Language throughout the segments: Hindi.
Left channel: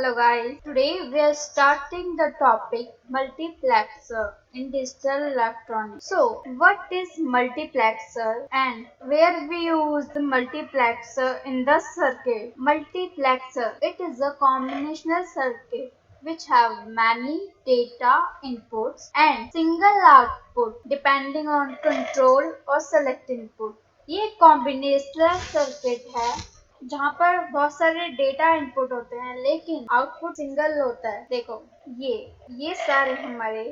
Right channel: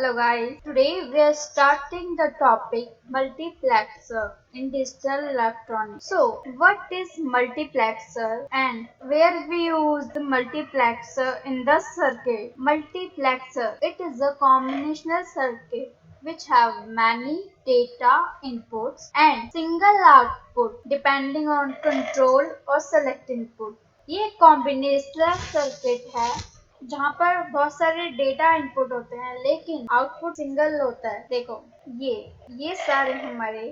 Hello guys, today we are starting the topic multiplexer in digital electronics. So what is multiplexer and where we use the multiplexer in the circuit? Multiplexer, it is a combinational circuit which have many data inputs and single output depending on control or select input. ये कॉम्बिनेशनल सर्किट है जहाँ पर बहुत सारे डेटा इनपुट होते हैं लेकिन आउटपुट सिंगल होता है। देखो ये सारे हमारे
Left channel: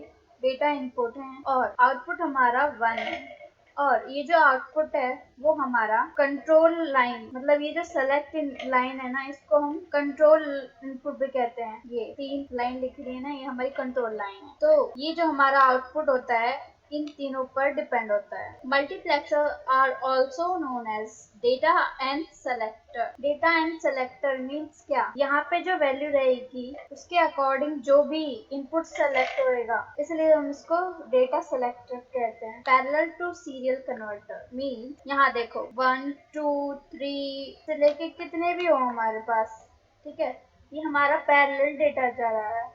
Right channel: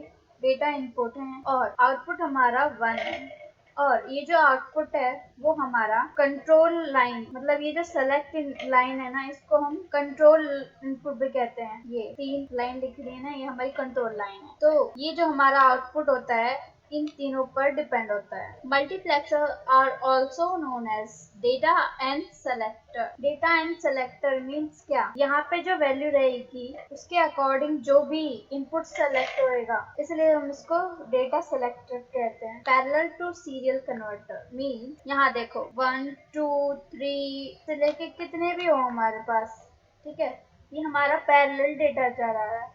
डेटा इनपुट हैं और आउटपुट हमारा 1 है और ये जो आउटपुट है वो हमारा कंट्रोल लाइन, मतलब ये जो सेलेक्ट लाइन है ना, इसको हम कंट्रोल इनपुट भी कहते हैं। ये 3 लाइन लिख रही है ना, ये हमारी कंट्रोल लाइन है। तो ये जो हमारा आउटपुट होता है इन तीनों पर डिपेंड होता है। Multiplexer are also known as data and selector. Data and selector means क्या, यहाँ पे जो वैल्यू रहेगी उसके अकॉर्डिंग जो भी इनपुट सेलेक्ट होएगा, इसलिए हम इसको डेटा सेलेक्टर कहते हैं। Parallel to serial converter mean यहाँ देखो 1 2 3 से लेके कितने भी हो हमारे पास, ठीक है, ये हमारा पैरेलल डेटा जा रहा है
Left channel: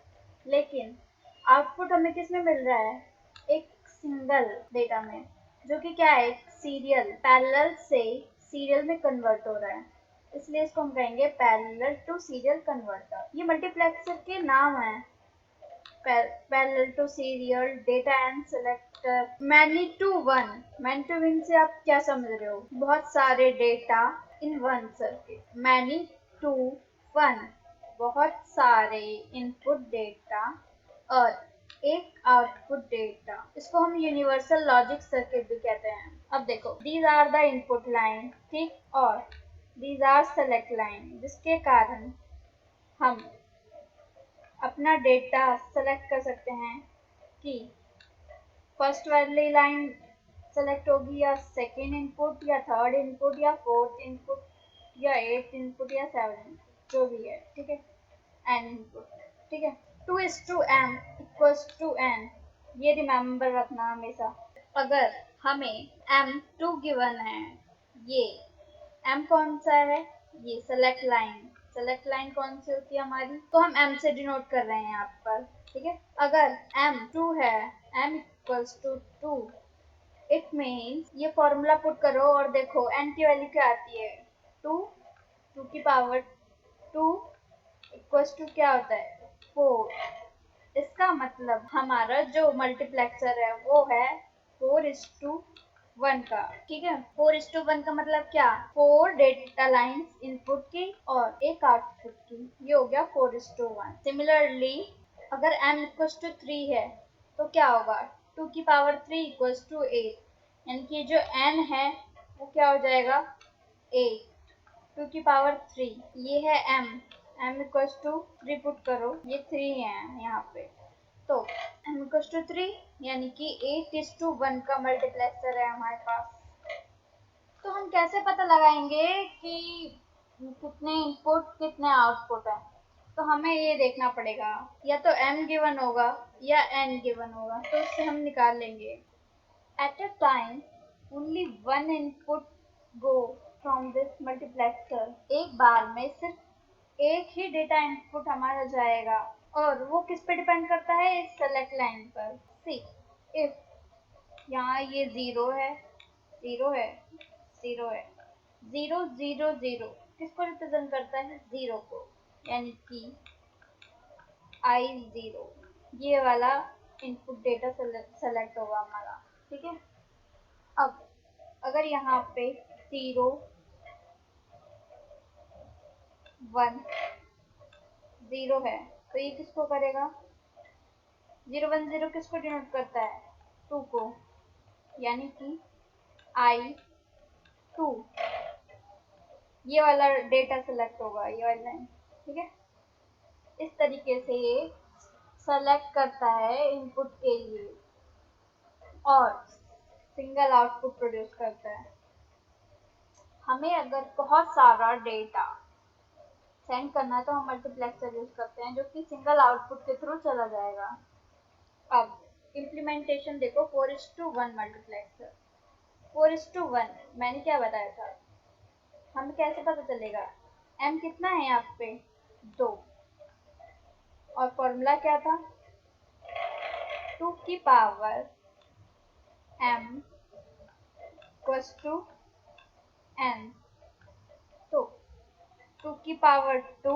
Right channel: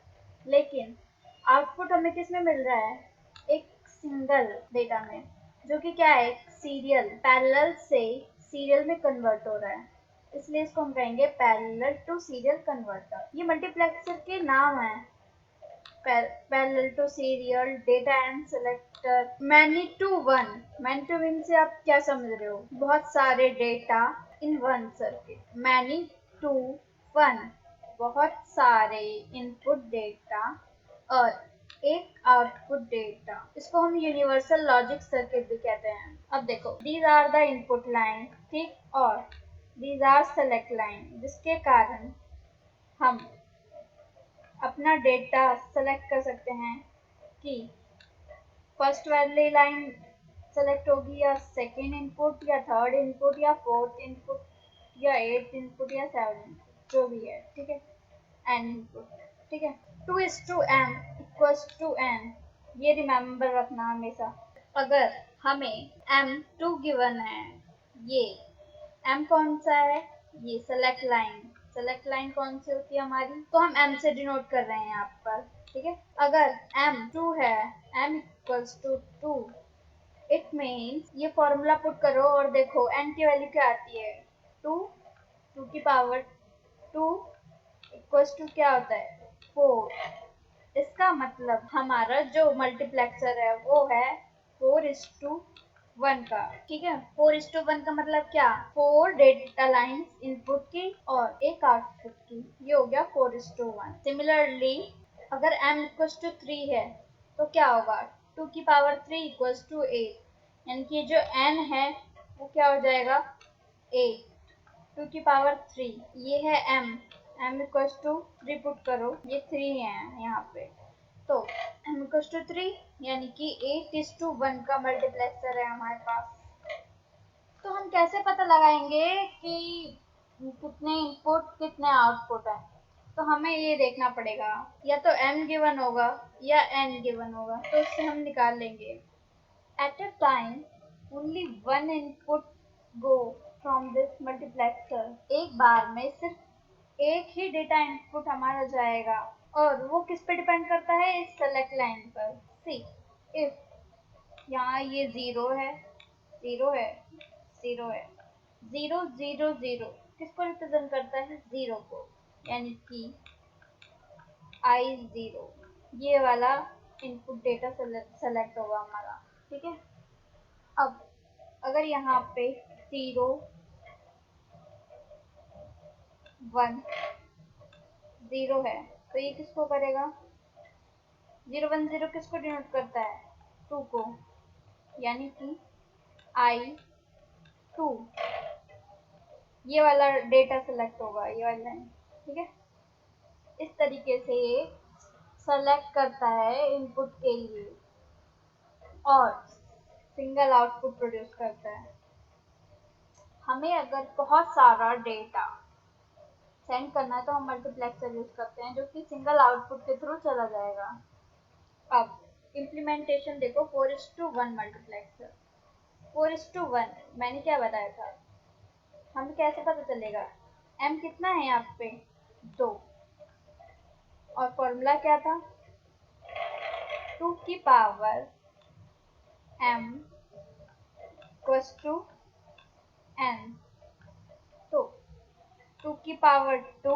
लेकिन आउटपुट हमें किस में मिल रहा है, एक सिंगल डेटा में, जो कि क्या है, सीरियल, पैरेलल से सीरियल में कन्वर्ट हो रहा है, इसलिए इसको हम कहेंगे पैरेलल टू सीरियल कन्वर्टर। ये मल्टीप्लेक्सर के नाम है, parallel to serial, data and selector, many to one. Many to one से आप क्या समझ रहे हो, बहुत सारे data in one circuit. Many to one, बहुत सारे इनपुट डेटा और एक आउटपुट डेटा, इसको हम यूनिवर्सल लॉजिक सर्किट भी कहते हैं। अब देखो, these are the input line, ठीक, और दीज आर सेलेक्ट लाइन, जिसके कारण हम अपना डेटा सेलेक्ट कर सकते हैं कि फर्स्ट वाली लाइन सेलेक्ट होगी या सेकेंड इनपुट या थर्ड इनपुट या फोर्थ इनपुट या एट्थ इनपुट या सेवन, जो भी है, ठीक है, एन इनपुट, ठीक है। 2:m इक्वल्स टू n, ये रिमेम्बर रखना हमेशा। अगर हमें m2 गिवन है, ये m कौन सा है, ये सेलेक्ट लाइन, सेलेक्ट लाइन कौन सी होती है हमारी, तो हम m से डिनोट कर रहे हैं यहाँ पर, ठीक है। अगर m2 है, m equals to 2, it means ये फॉर्मूला पुट करो और देखो n की वैल्यू क्या आती है, 2 की पावर 2 इक्वल्स टू क्या होता है, 4। इसका मतलब हमारा जो मल्टीप्लेक्सर है वो है 4:1 का, ठीक है। 4:1 का मतलब क्या, 4 डेटा लाइन्स इनपुट की और एक आउटपुट की, ये हो गया 4:1। सिमिलरली अगर m इक्वल्स टू 3 है तो क्या होगा, 2 की पावर 3 इक्वल्स टू 8, यानी कि जो n है वो क्या हो जाएगा, 8, 2 की पावर 3, ये है m इक्वल्स टू 3 पुट करो, ये 3 है यहाँ पे, तो m इक्वल्स टू 3 यानी कि 8:1 का मल्टीप्लेक्सर है हमारे पास। तो हम कैसे पता लगाएंगे कि कितने इनपुट कितने आउटपुट है, तो हमें ये देखना पड़ेगा, या तो m गिवन होगा या n गिवन होगा, तो उससे हम निकाल लेंगे। At a time only one input go from this multiplexer, एक बार में सिर्फ एक ही डेटा इनपुट हमारा जाएगा और वो किस पे डिपेंड करता है, इस सेलेक्ट लाइन पर। सी इफ यहाँ ये 0 है, 0 है, 0 है, 0 0 0 किसको रिप्रेजेंट करता है, 0 को, यानी कि I0, ये वाला इनपुट डेटा सेलेक्ट होगा हमारा, ठीक है। अब अगर यहाँ पे 0 1 0 है तो ये किसको करेगा, 0 1 0 किसको डिनोट करता है, 2 को, यानी कि I2, ये वाला डेटा सेलेक्ट होगा, ये वाला लाइन, ठीक है। इस तरीके से ये सेलेक्ट करता है इनपुट के लिए और सिंगल आउटपुट प्रोड्यूस करता है। हमें अगर बहुत सारा डेटा सेंड करना है तो हम मल्टीप्लेक्सर यूज करते हैं, जो कि सिंगल आउटपुट के थ्रू चला जाएगा। अब इम्प्लीमेंटेशन देखो, 4:1 मल्टीप्लेक्सर, 4:1 मैंने क्या बताया था, हमें कैसे पता चलेगा, m कितना है यहाँ पे, 2, फॉर्मूला क्या था, 2 की power m equals to n। तो 2 की पावर 2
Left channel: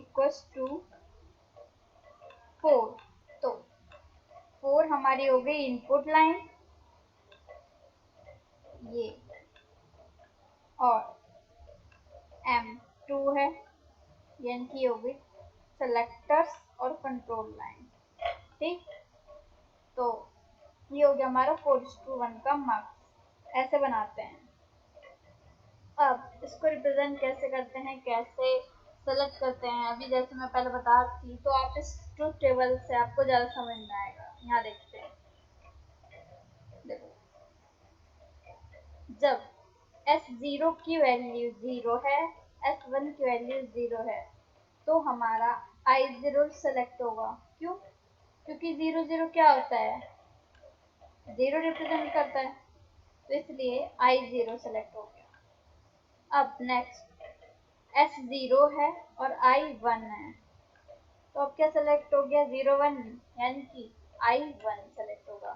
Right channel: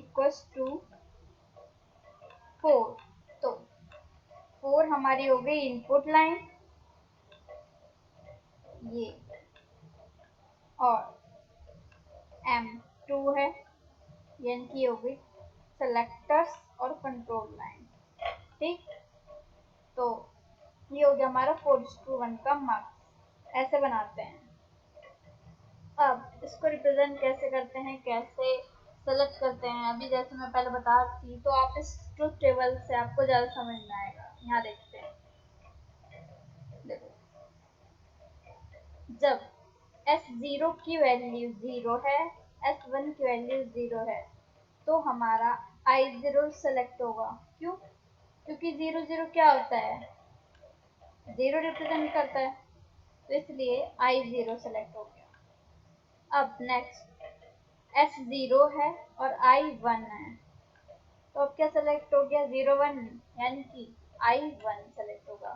इक्वल्स टू 4। तो 4 हमारी हो गई इनपुट लाइन ये, और m2 है यानी कि हो गई सेलेक्टर्स और कंट्रोल लाइन। ठीक, तो ये हो गया हमारा 4:1 का मार्क्स। ऐसे बनाते हैं। अब इसको रिप्रेजेंट कैसे करते हैं, कैसे सेलेक्ट करते हैं, अभी जैसे मैं पहले बता रही थी, तो आप इस ट्रुथ टेबल से आपको ज़्यादा समझ में आएगा। यहाँ देखते हैं, देखो जब S0 की वैल्यू 0 है, S1 की वैल्यू 0 है, तो हमारा I0 सेलेक्ट होगा। क्यों? क्योंकि 0 0 क्या होता है, 0 रिप्रेजेंट करता है, तो इसलिए I0 सेलेक्ट हो गया। अब नेक्स्ट S0 है और I1 है, तो अब क्या सेलेक्ट हो गया, 0 1, यानी कि I1 सेलेक्ट होगा,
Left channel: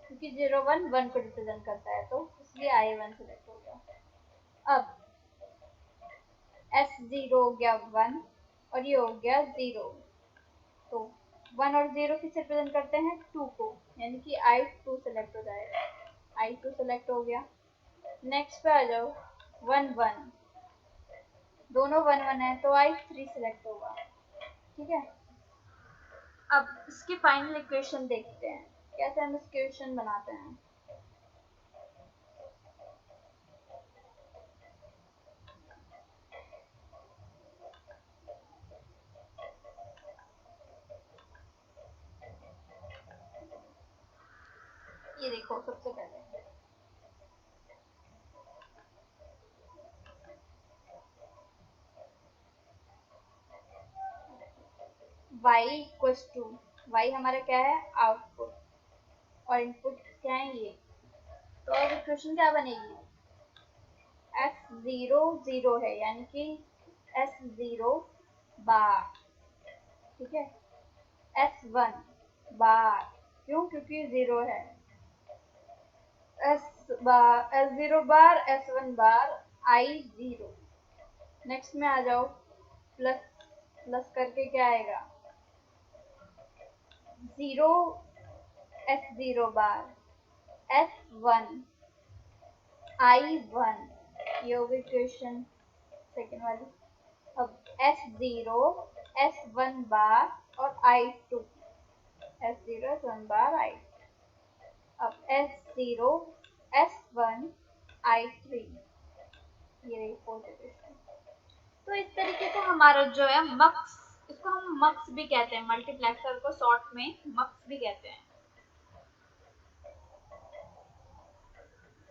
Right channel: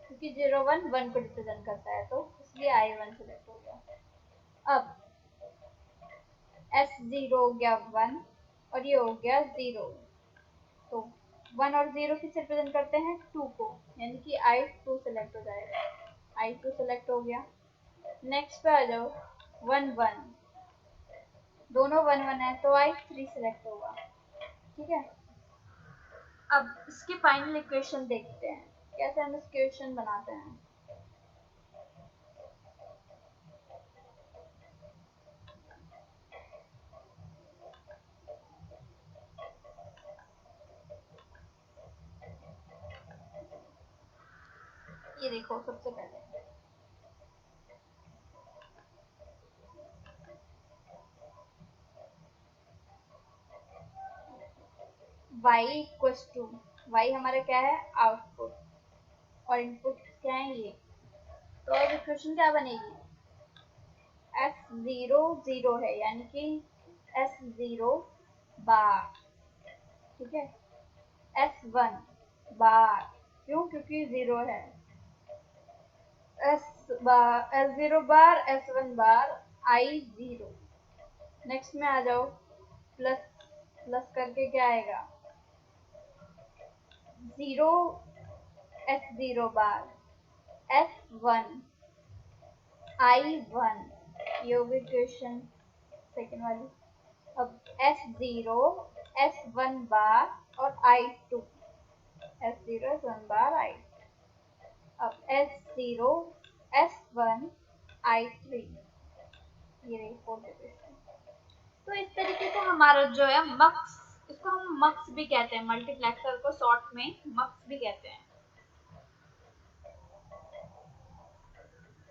क्योंकि 0 1 1 को रिप्रेजेंट करता है, तो इसलिए I1 सेलेक्ट हो गया। अब S0 हो गया 1 और ये हो गया 0, तो 1 और 0 किस रिप्रेजेंट करते हैं, 2 को, यानी कि I2 सेलेक्ट हो जाएगा। I2 सेलेक्ट हो गया। नेक्स्ट पे आ जाओ, 1 1, दोनों 1 1 है, तो I3 सेलेक्ट होगा। ठीक है, अब इसकी फाइनल इक्वेशन देखते हैं, कैसे हम इस इक्वेशन बनाते हैं। ये देखो, सबसे पहले y इक्वल्स टू, y हमारा क्या है, आउटपुट, और इनपुट क्या है ये, तो अब इक्वेशन क्या बनेगी, S0 0 है, यानी कि S0 बार। ठीक है, S1 बार, क्यों, क्योंकि 0 है, S0 बार, S1 बार, I0। नेक्स्ट में आ जाओ, प्लस प्लस करके क्या आएगा, 0 S0 बार, S1 I1, ये होगी इक्वेशन सेकेंड वाली। अब S0 S1 बार और I2, S0 S1 बार I2, अब S0 S1 I3, ये रही फोर्थ इक्वेशन। तो इस तरीके से हमारा जो है मक्स, इसको हम मक्स भी कहते हैं, मल्टीप्लेक्सर को शॉर्ट में मक्स भी कहते हैं।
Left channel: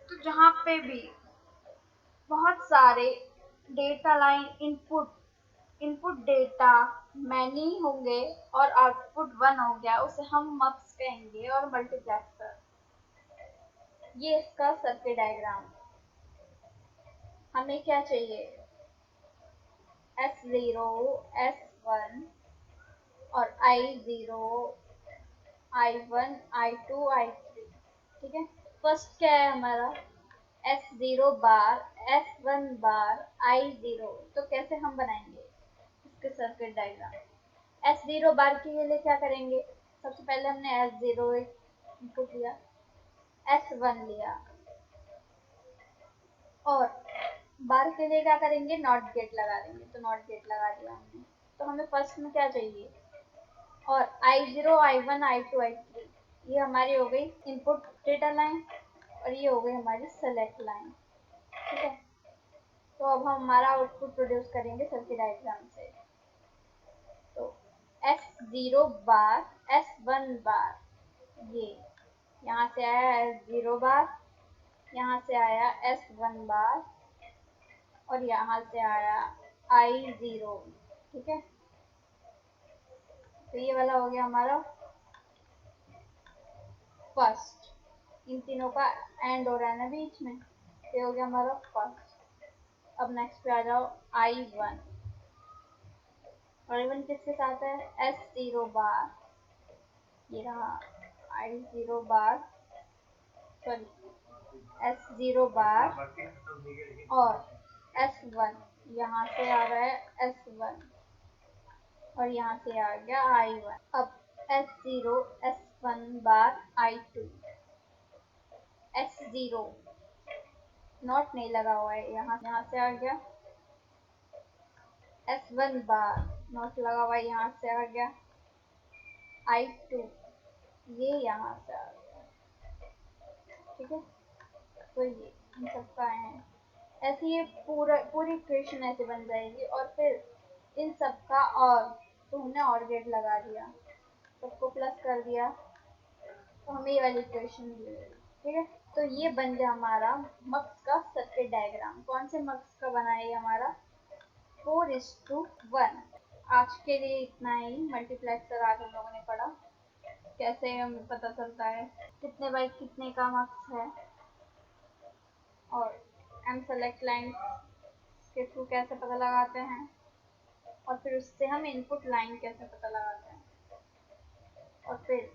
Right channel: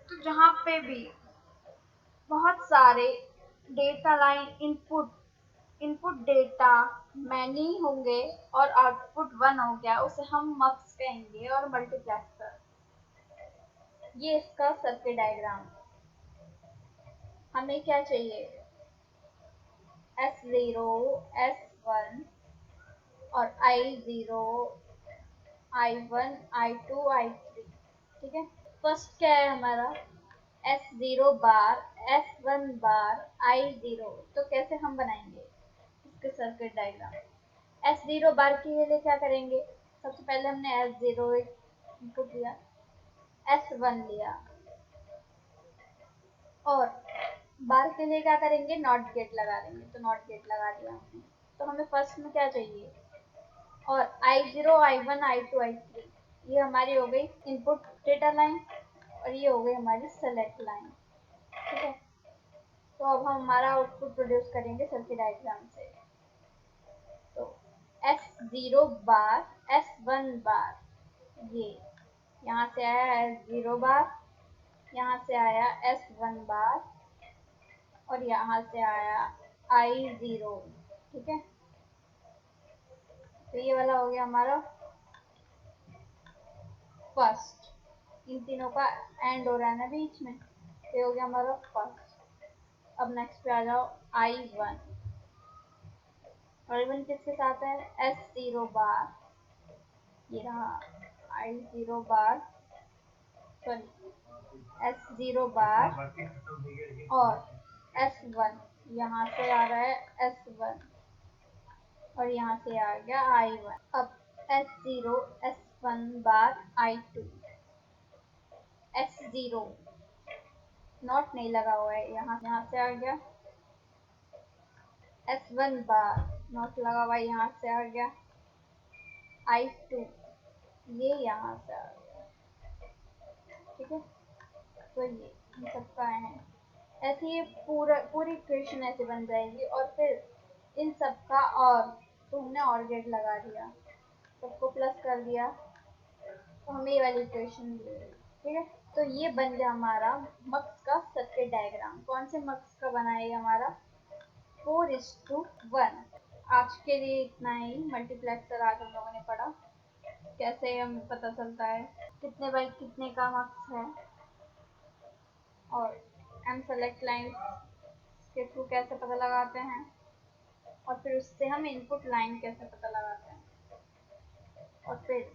तो जहाँ पे भी बहुत सारे data line input data many होंगे और आउटपुट 1 हो गया, उसे हम मक्स कहेंगे, और मल्टीप्लेक्सर। ये इसका सर्किट डायग्राम। हमें क्या चाहिए, S0 S1 और I0 I1 I2 I3। ठीक है, फर्स्ट क्या है हमारा, S0 बार S1 बार I0, तो कैसे हम बनाएंगे इसके सर्किट डायग्राम। S0 बार के लिए क्या करेंगे, सबसे पहले हमने S0 इनपुट लिया, S1 लिया, और बार के लिए क्या करेंगे, नॉट गेट लगा देंगे, तो नॉट गेट लगा दिया हमने। तो हमें फर्स्ट में क्या चाहिए, और I0 I1 I2 I3, ये हमारी हो गई इनपुट डेटा लाइन, और ये हो गई हमारी सेलेक्ट लाइन। ठीक है, तो अब हम हमारा आउटपुट प्रोड्यूस करेंगे सर्किट डायग्राम से। तो S0 बार S1 बार, ये यहाँ से आया S0 बार, यहाँ से आया S1 बार, और यहाँ से आया I0। ठीक है, तो ये वाला हो गया हमारा फर्स्ट, इन तीनों का एंड हो रहा है ना बीच में, ये हो गया हमारा फर्स्ट। अब नेक्स्ट पे आ जाओ I1, और इवन किसके साथ है, S0 बार, ये रहा I0 बार, सॉरी S0 बार, और S1, यहाँ से आ रहा है S1 और यहाँ से आ गया I1। अब S0 S1 bar I2, S0 not नहीं लगा हुआ है, यहाँ से आ गया S1 बार, नॉट लगा हुआ है, यहाँ से आ गया I2, ये यहाँ से आ गया। ठीक है, तो ये इन सबका है, ऐसे ये पूरी इक्वेशन ऐसे बन जाएगी। और फिर इन सबका और, तो हमने और गेट लगा दिया, सबको प्लस कर दिया, तो हमें ये वाली इक्वेशन मिल गई। ठीक है, तो ये बन गया हमारा मक्स का सर्किट डायग्राम। कौन से मक्स का बना है हमारा, 4:1। आज के लिए इतना ही। मल्टीप्लेक्सर आज हम लोगों ने पढ़ा, कैसे हमें पता चलता है कितने बाई कितने का मक्स है, और एम सेलेक्ट लाइन के थ्रू कैसे पता लगाते हैं, और फिर उससे हम इनपुट लाइन कैसे पता लगाते हैं, और फिर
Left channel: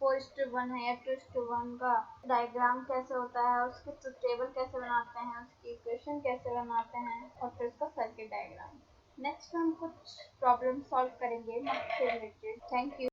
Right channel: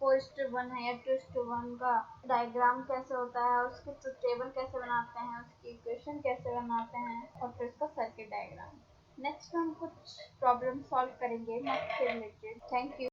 4:1 है या 2:1 का डायग्राम कैसे होता है, उसके टेबल कैसे बनाते हैं, उसकी इक्वेशन कैसे बनाते हैं, और फिर उसका सर्किट डायग्राम। नेक्स्ट हम कुछ प्रॉब्लम सॉल्व करेंगे मक्स से रिलेटेड। Thank you.